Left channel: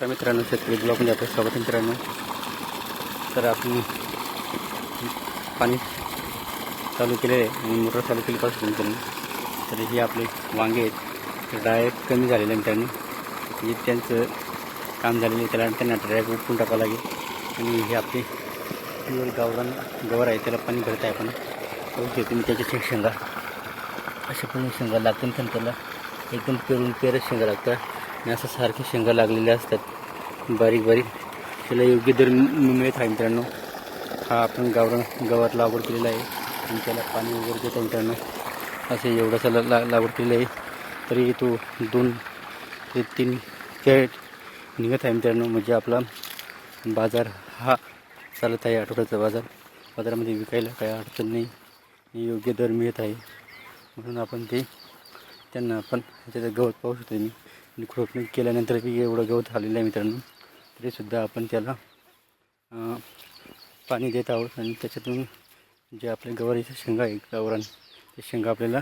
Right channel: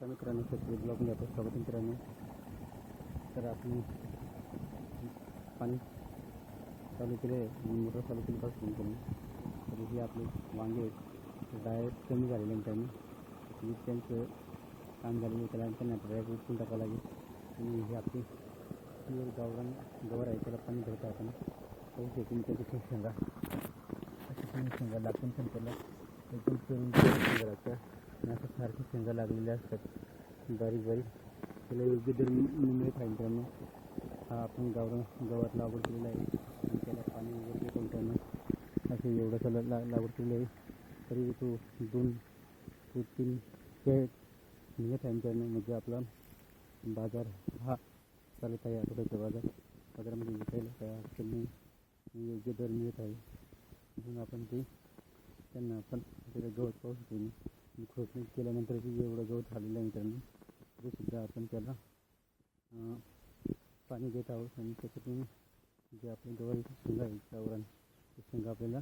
नमस्कार मित्रांनो, शेतकरी ब्लॉगमध्ये आपलं स्वागत आहे मित्रांनो. तर आपण पाणी चालू केले आणि मोटर चालू केल्यापासून मित्रांनो, तर हे आपले वांगे आहेत, तर डायरेक्ट कमी झालेले मित्रांनो. म्हणजे त्यांचं काम झालेलं आहे, त्यांना डायरेक्ट उपटून टाकावं लागेल. आणि हे आपले प्युअर गावरान गवार आहे, त्याला पाणी भरत आहे आपण. बघू शकतो मी त्याचे शेंगा अशा पण शेंगा लागतात, पण त्याला एकदम पेरच शेंगा लागतात आणि असं सारखे शेंगा लागलेले असतात बारीक बारीक. त्याला योग्य दर मिळत आहे मित्रांनो. हा आपण गावरान गवार लागवड केलेला आहे आणि त्याला पाणी वगैरे देत आहे मित्रांनो. असं एवढासा लागवड केलेलं आहे, तरी तो 2 ते 3 कॅरेट निघत आहे मित्रांनो. म्हणजे आपला बाजार हा चालत आहे, आठवड्याचा बाजारामध्ये विकायला काही अडचण नाही, योग्य दर मिळत आहे. म्हणून आपण त्यांना आपण त्याचं गवत पाहू शकतो मी. आणि खुरपणी केल्यानंतर बी एवढं गवत आलेलं आहे मित्रांनो, तरीसुद्धा आपण त्याला पाणी देत आहोत. आणि त्याच्यातून जे आपल्या गवारीच्या शेंगा आहे गावरान, ते शेंगा आपल्याला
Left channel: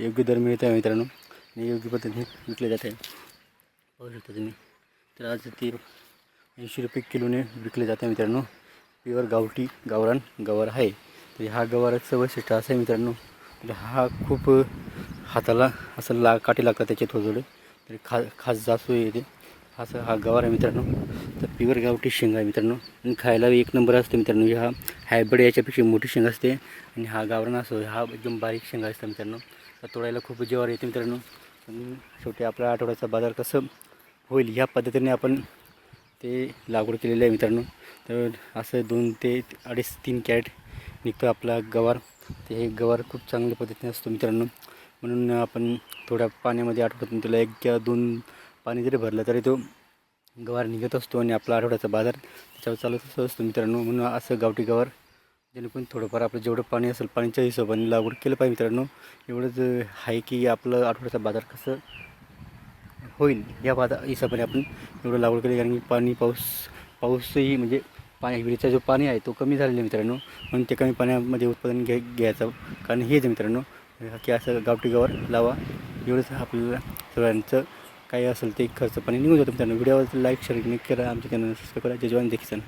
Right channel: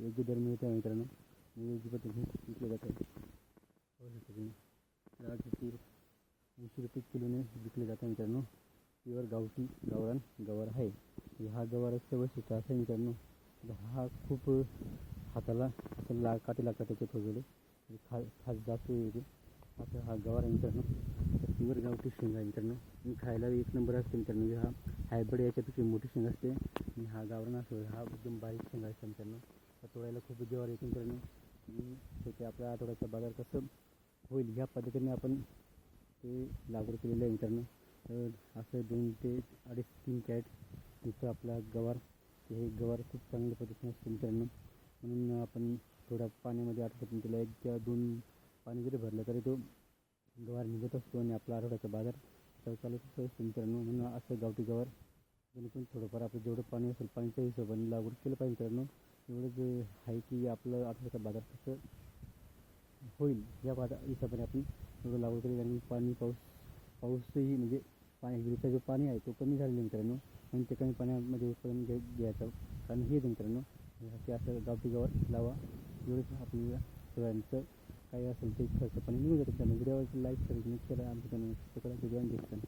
योग्य दर मिळत आहे मित्रांनो, आणि योग्य पद्धतीने विकले जात आहे. पाहू शकता तुम्ही. तर आज ते 80 रुपये किलोने विकले जाते मित्रांनो. प्युअर गावठी गावरान गवार आहे. तर हा गवाराचं वैशिष्ट्य असं आहे मित्रांनो, तर हा खूप हाताला असं काटे लागतात त्याचे थोडे तरी खास जास्त येते. असं हा गवार आहे मित्रांनो. तर प्युअर गावठी शेंगा आहे मित्रांनो, आणि खायला एक नंबर असते मित्रांनो. हा हायब्रिड याच्यापेक्षा मोठी शेंगा असते, आणि हा गावरान असो हा एकदम बारीक शेंगा असतात मित्रांनो. तर तोडायला खूप जीवावर येते मित्रांनो. आणि शेवटी आपला आठवड्याचा बाजार कसं होईल ह्या पद्धतीने आपण ते लागवड केलेलं आहे मित्रांनो. तर असं 2 ते 2.5-3 कॅरेट निघतो आपला गवार. ते हे गवार खूप चांगल्या पद्धतीने असतो मित्रांनो. म्हणून आपण थोड्या पाण्यामध्ये आठवड्यातून त्याला 1 किंवा 2 पाणी जरी भरलं तरी तो गवार निघत असतो, आणि आपला आठवड्याचा बाजार त्याच्यावर चालत असतो मित्रांनो. म्हणून असं गावठी गवार जेणेकरून थोडंफार आपलं जेवढं पाणी असेल पाण्याच्या हिशोबाने लागवड केलं पाहिजे मित्रांनो. एवढंच आहे की आपलं आठवड्याचा बाजार कसं होईल या हिशोबाने आपण एवढं लागवड केली. कारण की पाऊसही म्हणजे विहिरीचा जो पाणी आहे तो कमी झालेला आहे मित्रांनो. म्हणून ते कमी पाण्यामध्ये उत्पादन घ्यायचं कारण हेच मित्रांनो, की असं गावठी गवार लावा. एवढंच आपल्याला सगळ्यांचं काही असेल ते खर्च पाणी निघून जातो मित्रांनो. व्हिडिओवर लाईक शेअर करा, आमच्या चॅनल सबस्क्राईब करा. जय जवान जय किसान.